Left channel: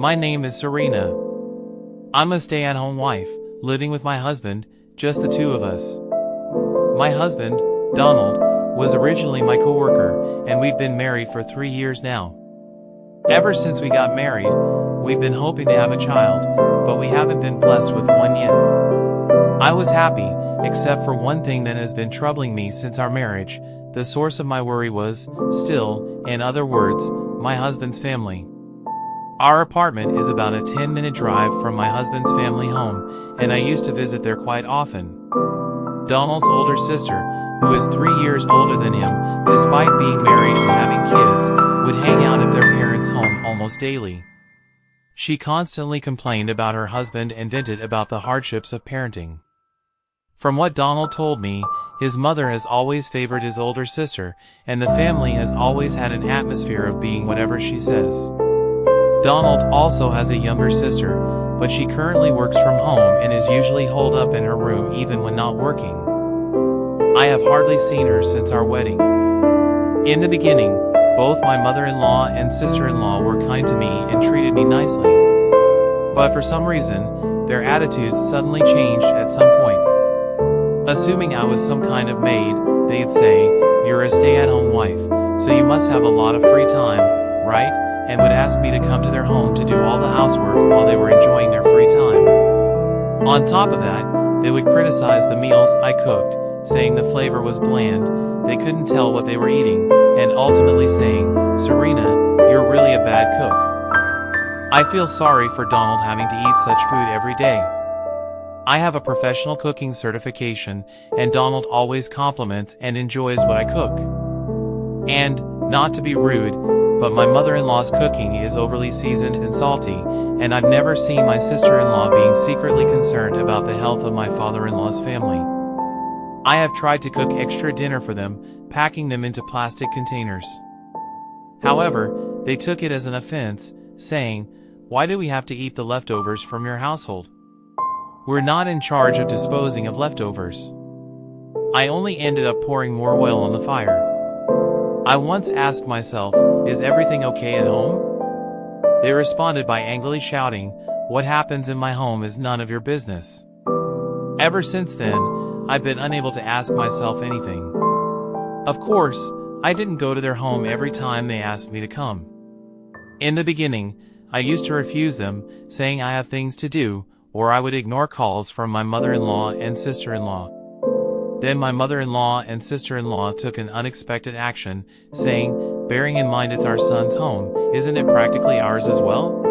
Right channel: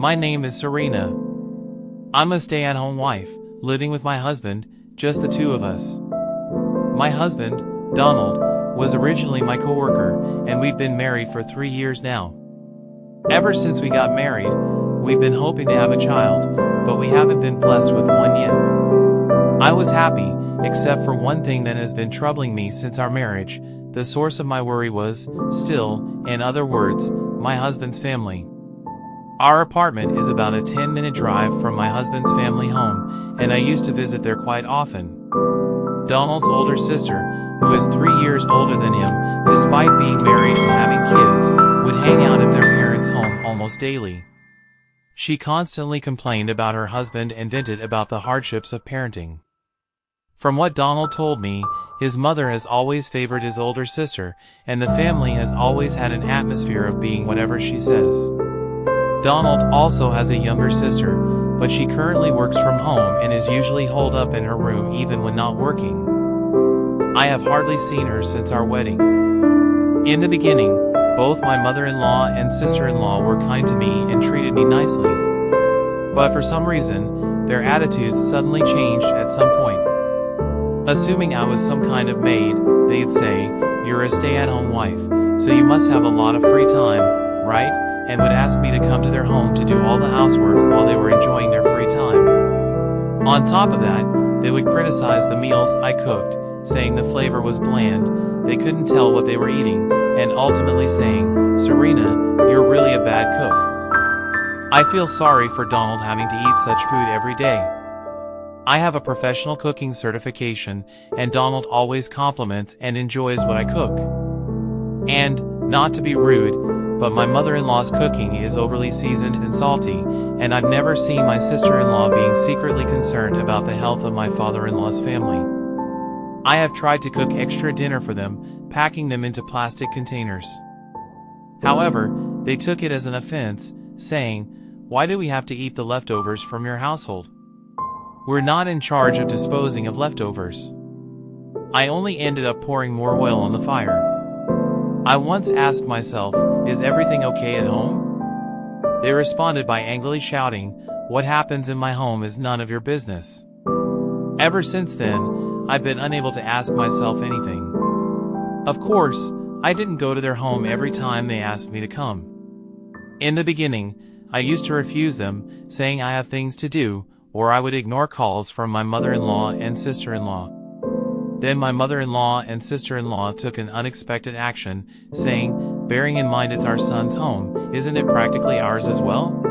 My name is Serena. I'm a stay-at-home wife, living with my husband, just the two of us. My husband, Donald, was originally my coworker, and we've been married for 3 years now. Ever since we got married, we've been hoping to have a child, but we haven't been blessed with one yet. I was happy, except for one thing that has been troubling me since our marriage. The source of my worry was, still, in other words, my husband's family. Our apartment is about a 10-minute drive from my husband's family home, and I used to visit there quite often. Donald's older sister, who is 3 years older than him, despite being married and having kids, would hang out at their parents' home almost daily. She constantly complained about her husband and vented about the hardships of parenting. From what Donald told me, his mother has always favored his older sister, and the family has always had an atmosphere of being whatever she says. Donald also has a younger sister, but she currently works from home and is usually holed up in her room even when not working. I have hardly seen her since our wedding. In the beginning, both my mother-in-law and sister-in-law were kind to me and treated me nicely. But for some reason, their attitudes suddenly changed at some point. Assuming I was some kind of maid, they'd say, "You're a stay-at-home wife, so you must have a lot of free time, right?" and would ask me to come to their home to do all the housework while they were enjoying their free time. On top of that, they would criticize the meals I cooked, saying the flavor was bland, they couldn't tell what they were eating, and ultimately saying, "Serena, you're really a bad cook." I feel sorry for Donald having to eat such food every day. I have a professional cooking certification, and Donald always compliments and enjoys what I cook. And, not to be rude, but my mother-in-law's cooking is overly seasoned and salty, and I've never seen my sister-in-law being secretly concerned about the health of my father-in-law's family. I have tried to cook extra dinner for them, packing them into plastic containers. However, they took it as an offense, saying, "Why do we have to eat the leftovers from your household? We're not in charge of disposing of leftovers." I only ended up pouring more oil on the fire. I once asked myself, "Is everything okay at home?" They responded by angrily shouting, "What happens in my home is none of your business." Ever since then, I've been unable to ask myself anything. Of course, I didn't go to their home every time they asked me to come. In the beginning, I used to refuse them, saying I have things to do, or I would ignore calls from my mother-in-law and sister-in-law. Then my mother-in-law and sister-in-law took an unexpected action, saying, "Bearing in mind it's our son's home, isn't it practically ours as well?"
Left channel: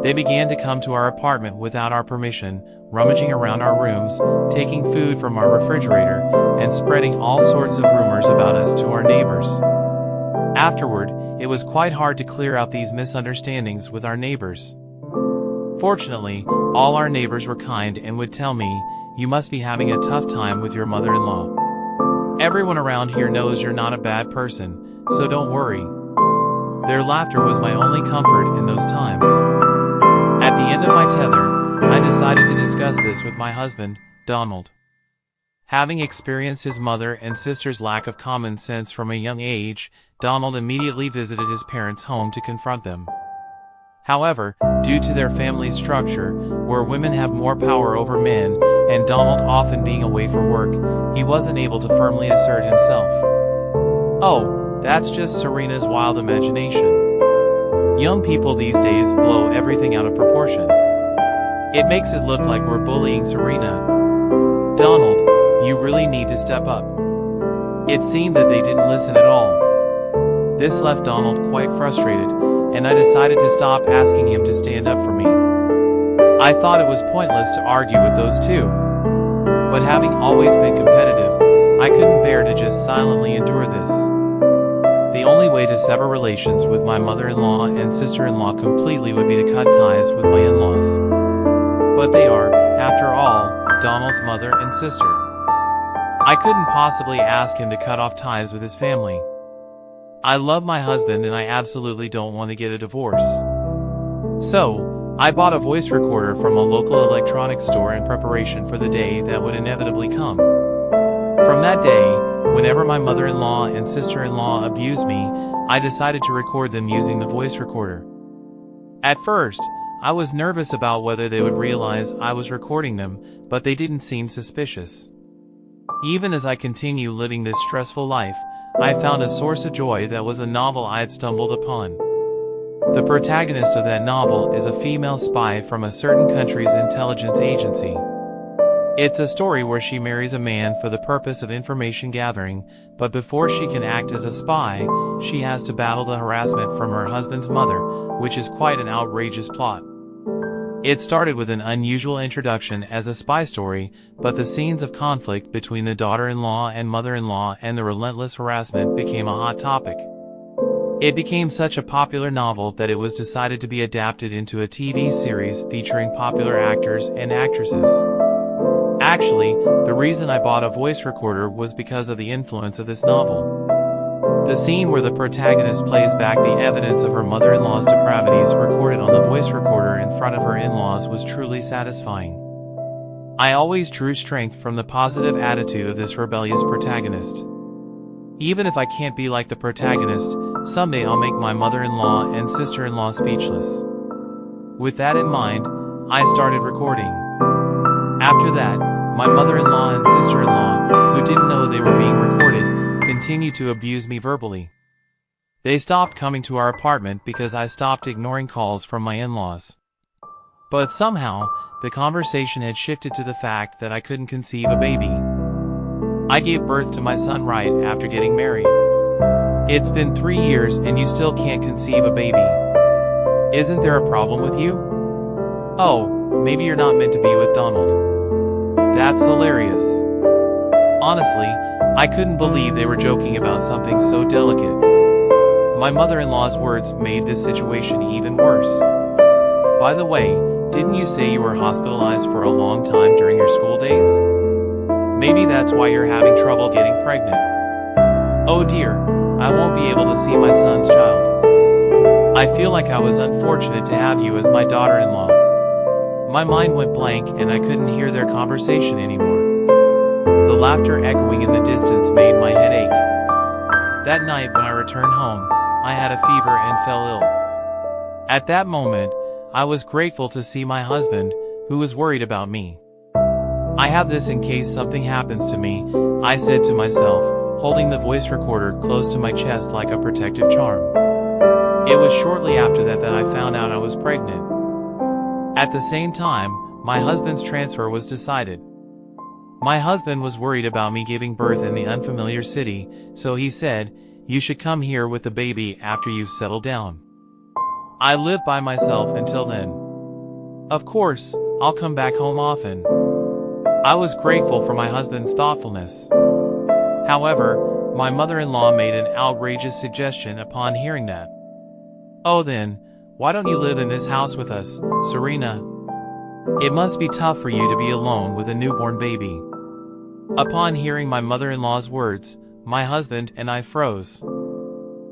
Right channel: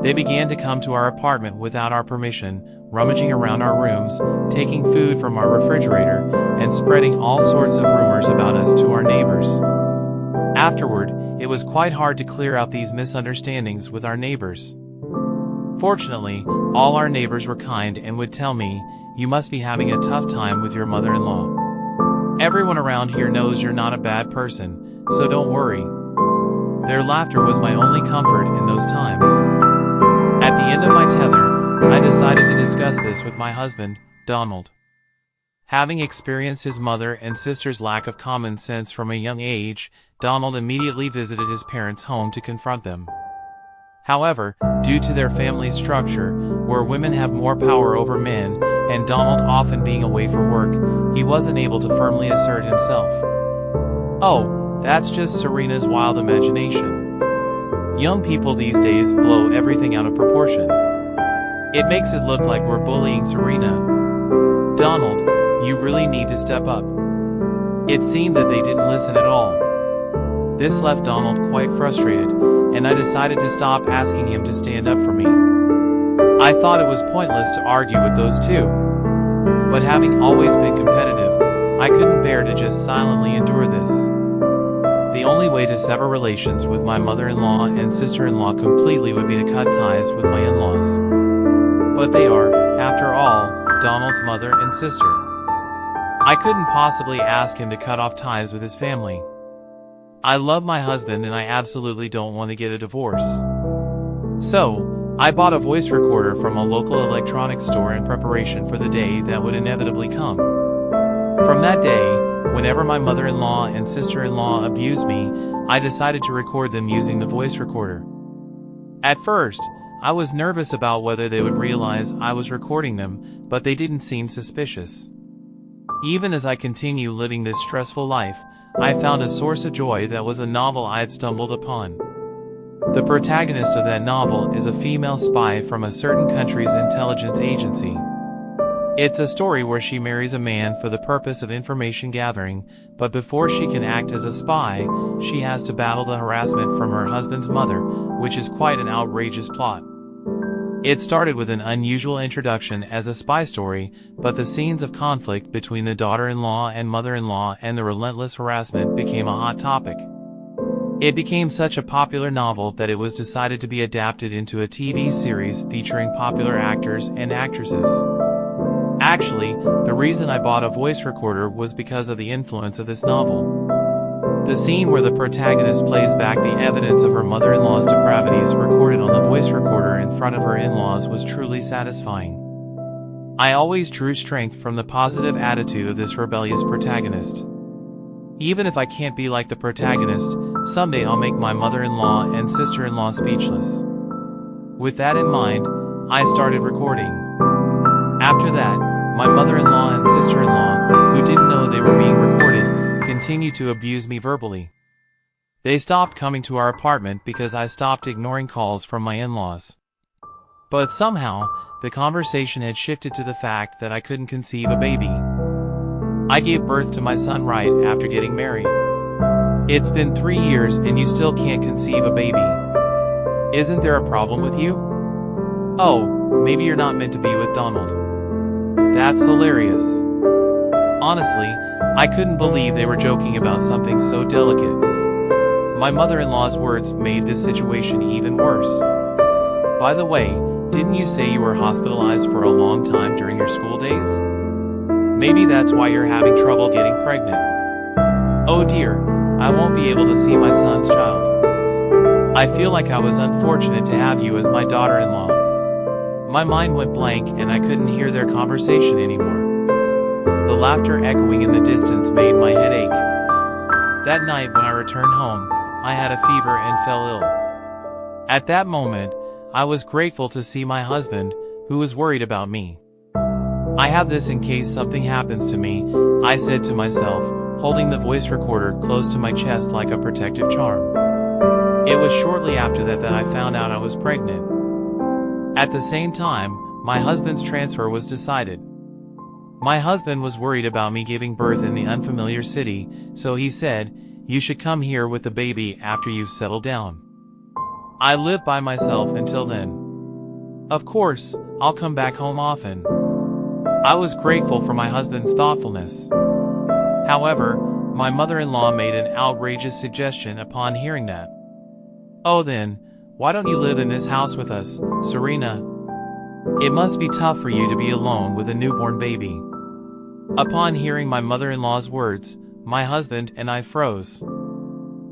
They began to come to our apartment without our permission, rummaging around our rooms, taking food from our refrigerator, and spreading all sorts of rumors about us to our neighbors. Afterward, it was quite hard to clear out these misunderstandings with our neighbors. Fortunately, all our neighbors were kind and would tell me, "You must be having a tough time with your mother-in-law. Everyone around here knows you're not a bad person, so don't worry." Their laughter was my only comfort in those times. At the end of my tether, I decided to discuss this with my husband, Donald. Having experienced his mother and sister's lack of common sense from a young age, Donald immediately visited his parents' home to confront them. However, due to their family structure, where women have more power over men, and Donald often being away for work, he wasn't able to firmly assert himself. Oh, that's just Serena's wild imagination. Young people these days blow everything out of proportion. It makes it look like we're bullying Serena. Donald, you really need to step up. It seemed that they didn't listen at all. This left Donald quite frustrated, and I decided to stop asking him to stand up for me. I thought it was pointless to argue with those two. But having always been competitive, I couldn't bear to just silently endure this. The only way to sever relations with my mother-in-law and sister-in-law completely would be to cut ties with my in-laws. But they are, after all, Donald's mother and sister. I couldn't possibly ask him to cut off ties with his family. I love my husband and I absolutely don't want to get a divorce. So, I bought a voice recorder from a local electronics store in preparation for the day that would inevitably come. From that day, whenever my mother-in-law and sister-in-law abused me, I decided to record them using the voice recorder. At first, I was nervous about whether they would realize I was recording them, but they didn't seem suspicious. Even as I continue living this stressful life, I found a source of joy that was a novel I had stumbled upon. The protagonist of that novel is a female spy from a certain country's intelligence agency. It's a story where she marries a man for the purpose of information gathering, but before she can act as a spy, she has to battle the harassment from her husband's mother, which is quite an outrageous plot. It started with an unusual introduction as a spy story, but the scenes of conflict between the daughter-in-law and mother-in-law and the relentless harassment became a hot topic. It became such a popular novel that it was decided to be adapted into a TV series featuring popular actors and actresses. Actually, the reason I bought a voice recorder was because of the influence of this novel. The scene where the protagonist plays back the evidence of her mother-in-law's depravities recorded on the voice recorder in front of her in-laws was truly satisfying. I always drew strength from the positive attitude of this rebellious protagonist. Even if I can't be like the protagonist, someday I'll make my mother-in-law and sister-in-law speechless. With that in mind, I started recording. After that, my mother-in-law and sister-in-law, who didn't know they were being recorded, continued to abuse me verbally. They stopped coming to our apartment because I stopped ignoring calls from my in-laws. But somehow, the conversation had shifted to the fact that I couldn't conceive a baby. I gave birth to my son right after getting married. It's been 3 years and you still can't conceive a baby. Isn't there a problem with you? Oh, maybe you're not meant to be with Donald. That's hilarious. Honestly, I couldn't believe they were joking about something so delicate. My mother-in-law's words made this situation even worse. By the way, didn't you say you were hospitalized for a long time during your school days? Maybe that's why you're having trouble getting pregnant. Oh dear, I won't be able to see my son's child. I feel like I was unfortunate to have you as my daughter-in-law. My mind went blank and I couldn't hear their conversation anymore. The laughter echoing in the distance made my head ache. That night when I returned home, I had a fever and fell ill. At that moment, I was grateful to see my husband, who was worried about me. I have this in case something happens to me, I said to myself, holding the voice recorder close to my chest like a protective charm. It was shortly after that I found out I was pregnant. At the same time, my husband's transfer was decided. My husband was worried about me giving birth in the unfamiliar city, so he said, "You should come here with the baby after you've settled down." I lived by myself until then. Of course, I'll come back home often. I was grateful for my husband's thoughtfulness. However, my mother-in-law made an outrageous suggestion upon hearing that. "Oh then, why don't you live in this house with us, Serena? It must be tough for you to be alone with a newborn baby." Upon hearing my mother-in-law's words, my husband and I froze.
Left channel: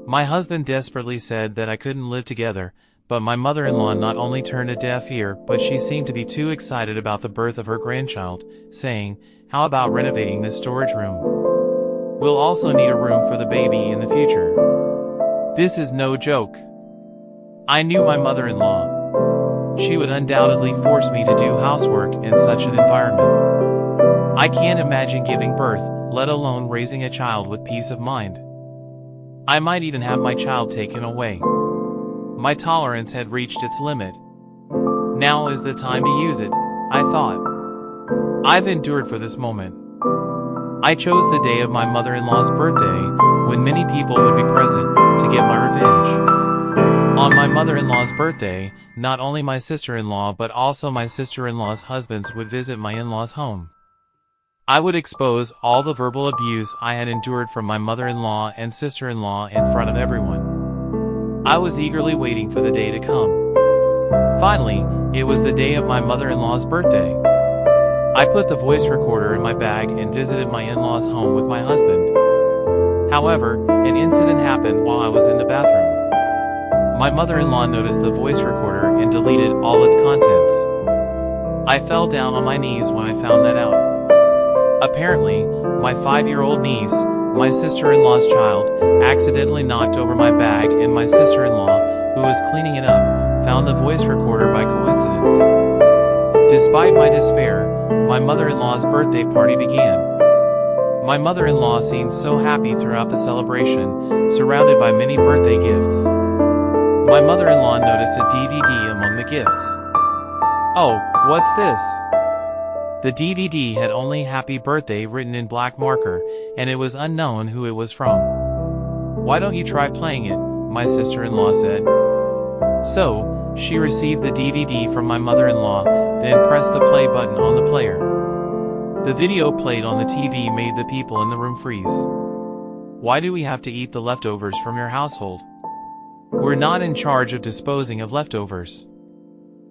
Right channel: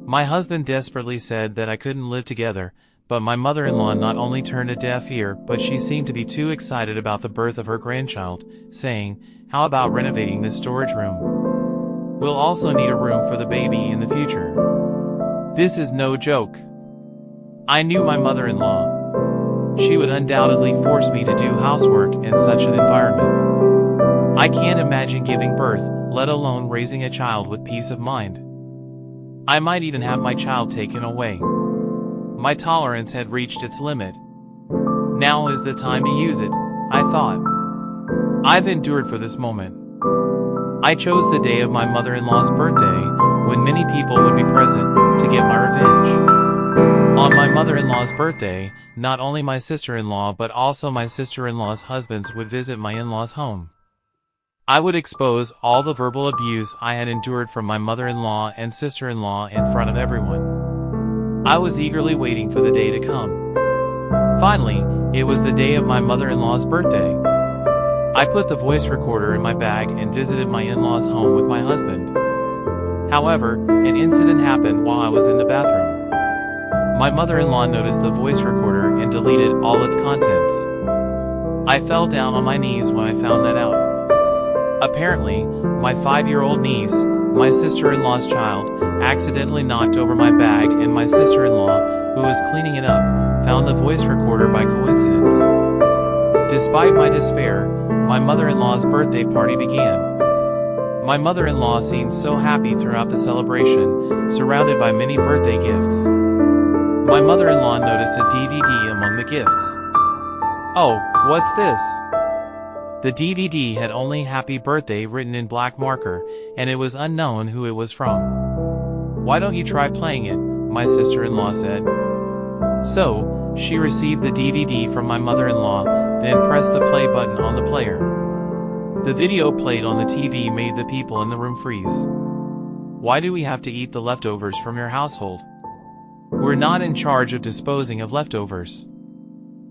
My husband desperately said that I couldn't live together, but my mother-in-law not only turned a deaf ear, but she seemed to be too excited about the birth of her grandchild, saying, "How about renovating this storage room? We'll also need a room for the baby in the future." This is no joke. I knew my mother-in-law. She would undoubtedly force me to do housework in such an environment. I can't imagine giving birth, let alone raising a child with peace of mind. I might even have my child taken away. My tolerance had reached its limit. Now is the time to use it, I thought. I've endured for this moment. I chose the day of my mother-in-law's birthday, when many people would be present, to get my revenge. On my mother-in-law's birthday, not only my sister-in-law but also my sister-in-law's husbands would visit my in-laws' home. I would expose all the verbal abuse I had endured from my mother-in-law and sister-in-law in front of everyone. I was eagerly waiting for the day to come. Finally, it was the day of my mother-in-law's birthday. I put the voice recorder in my bag and visited my in-laws' home with my husband. However, an incident happened while I was in the bathroom. My mother-in-law noticed the voice recorder and deleted all its contents. I fell down on my knees when I found that out. Apparently, my 5-year-old niece, my sister-in-law's child, accidentally knocked over my bag and my sister-in-law, who was cleaning it up, found the voice recorder by coincidence. Despite my despair, my mother-in-law's birthday party began. My mother-in-law seemed so happy throughout the celebration, surrounded by many birthday gifts. My mother-in-law noticed a DVD among the gifts. "Oh, what's this?" The DVD had only "Happy Birthday" written in black marker, and it was unknown who it was from. "Why don't you try playing it?" my sister-in-law said. So, she received the DVD from my mother-in-law, then pressed the play button on the player. The video played on the TV made the people in the room freeze. "Why do we have to eat the leftovers from your household? We're not in charge of disposing of leftovers.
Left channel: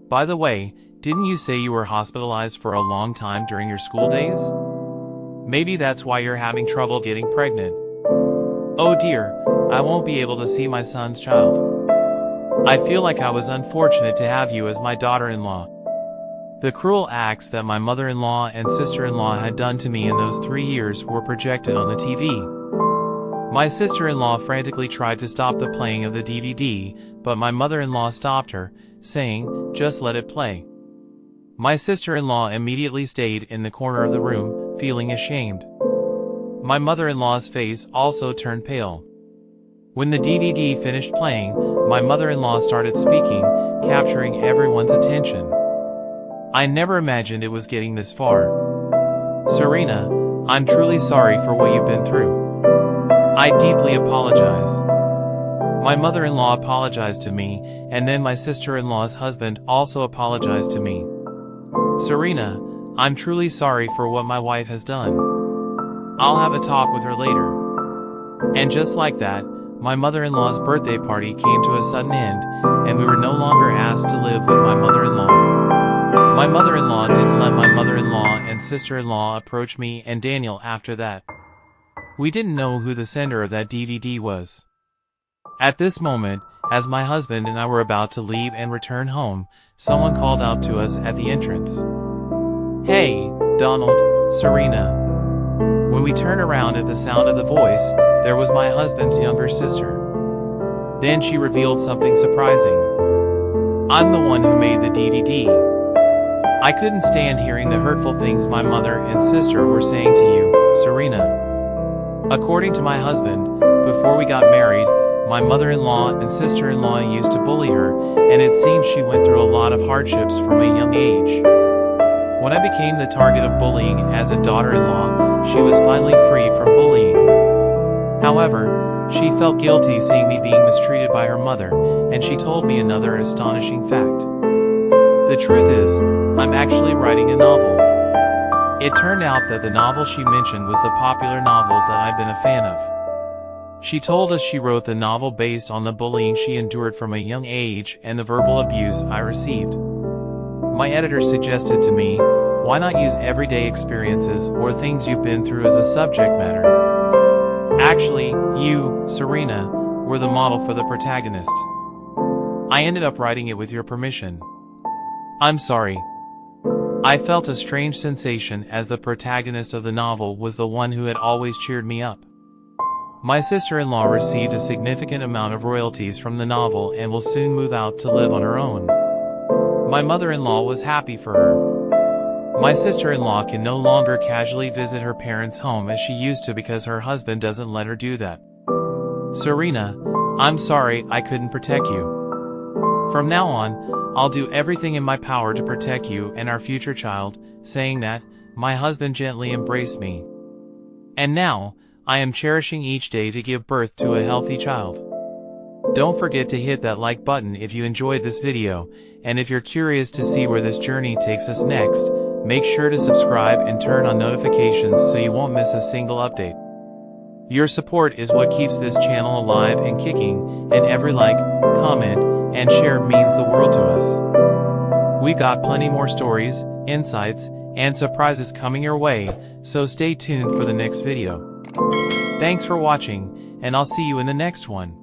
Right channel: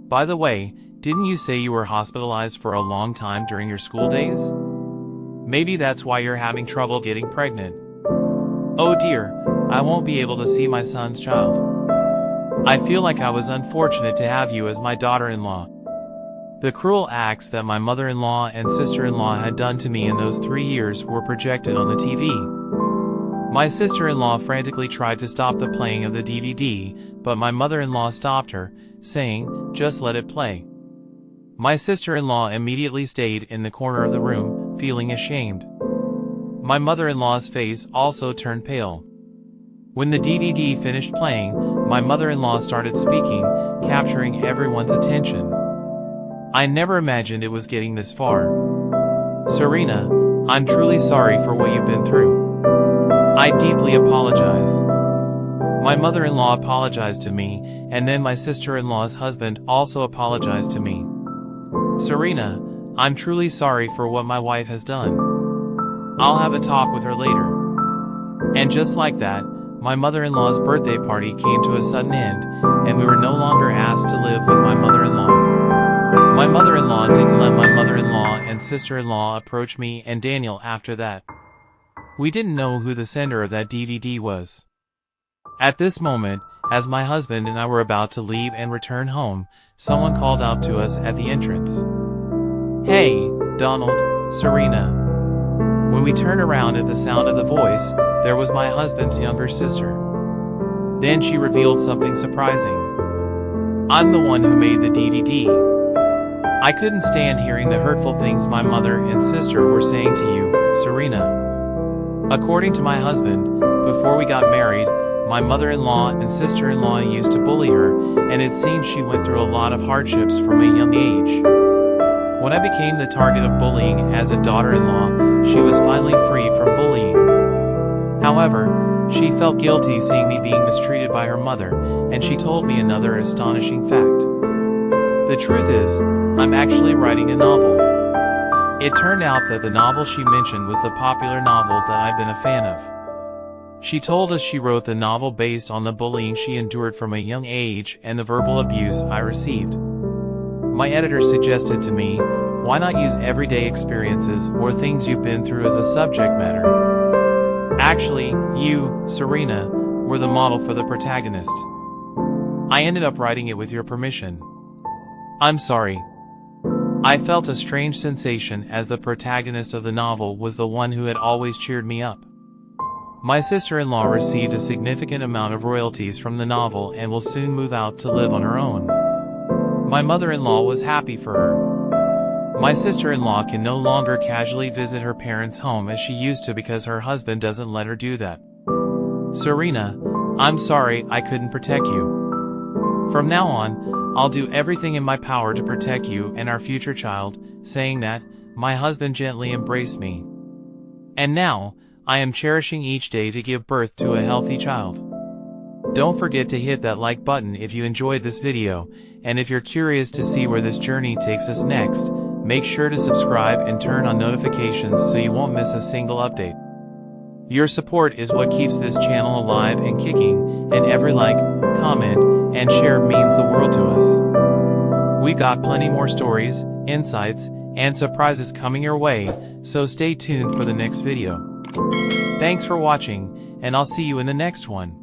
By the way, didn't you say you were hospitalized for a long time during your school days? Maybe that's why you're having trouble getting pregnant. Oh dear, I won't be able to see my son's child. I feel like I was unfortunate to have you as my daughter-in-law." The cruel acts that my mother-in-law and sister-in-law had done to me in those 3 years were projected on the TV. My sister-in-law frantically tried to stop the playing of the DVD, but my mother-in-law stopped her, saying, "Just let it play." My sister-in-law immediately stayed in the corner of the room, feeling ashamed. My mother-in-law's face also turned pale. When the DVD finished playing, my mother-in-law started speaking, capturing everyone's attention. I never imagined it was getting this far. "Serena, I'm truly sorry for what you've been through. I deeply apologize." My mother-in-law apologized to me, and then my sister-in-law's husband also apologized to me. "Serena, I'm truly sorry for what my wife has done. I'll have a talk with her later." And just like that, my mother-in-law's birthday party came to a sudden end, and we were no longer asked to live with my mother-in-law. My mother-in-law didn't let my mother-in-law and sister-in-law approach me and Daniel after that. We didn't know who the sender of that DVD was. At this moment, as my husband and I were about to leave and return home, someone called out to us at the entrance. "Hey, Donald, Serena." When we turned around at the sound of the voice, there was my husband's younger sister. Then she revealed something surprising. "I'm the one who made the DVD. I couldn't stand hearing the hurtful things my mother and sister were saying to you, Serena." According to my husband, before we got married, my mother-in-law and sister-in-law used to bully her, and it seems she went through a lot of hardships from a young age. When I became the target of bullying as a daughter-in-law, she was finally free from bullying. However, she felt guilty seeing me being mistreated by her mother, and she told me another astonishing fact. The truth is, I'm actually writing a novel. It turned out that the novel she mentioned was the popular novel that I've been a fan of. She told us she wrote the novel based on the bullying she endured from a young age and the verbal abuse I received. My editor suggested to me, why not use everyday experiences or things you've been through as a subject matter? Actually, you, Serena, were the model for the protagonist. I ended up writing it with your permission. I'm sorry. I felt a strange sensation as the protagonist of the novel was the one who had always cheered me up. My sister-in-law received a significant amount of royalties from the novel and will soon move out to live on her own. My mother-in-law was happy for her. My sister-in-law can no longer casually visit her parents' home as she used to because her husband doesn't let her do that. Serena, I'm sorry I couldn't protect you. From now on, I'll do everything in my power to protect you and our future child. Saying that, my husband gently embraced me. And now, I am cherishing each day to give birth to a healthy child. Don't forget to hit that like button if you enjoyed this video, and if you're curious to see where this journey takes us next, make sure to subscribe and turn on notifications so you won't miss a single update. Your support is what keeps this channel alive and kicking, and every like, comment, and share means the world to us. We got plenty more stories, insights, and surprises coming your way, so stay tuned for the next video. Thanks for watching, and I'll see you in the next one.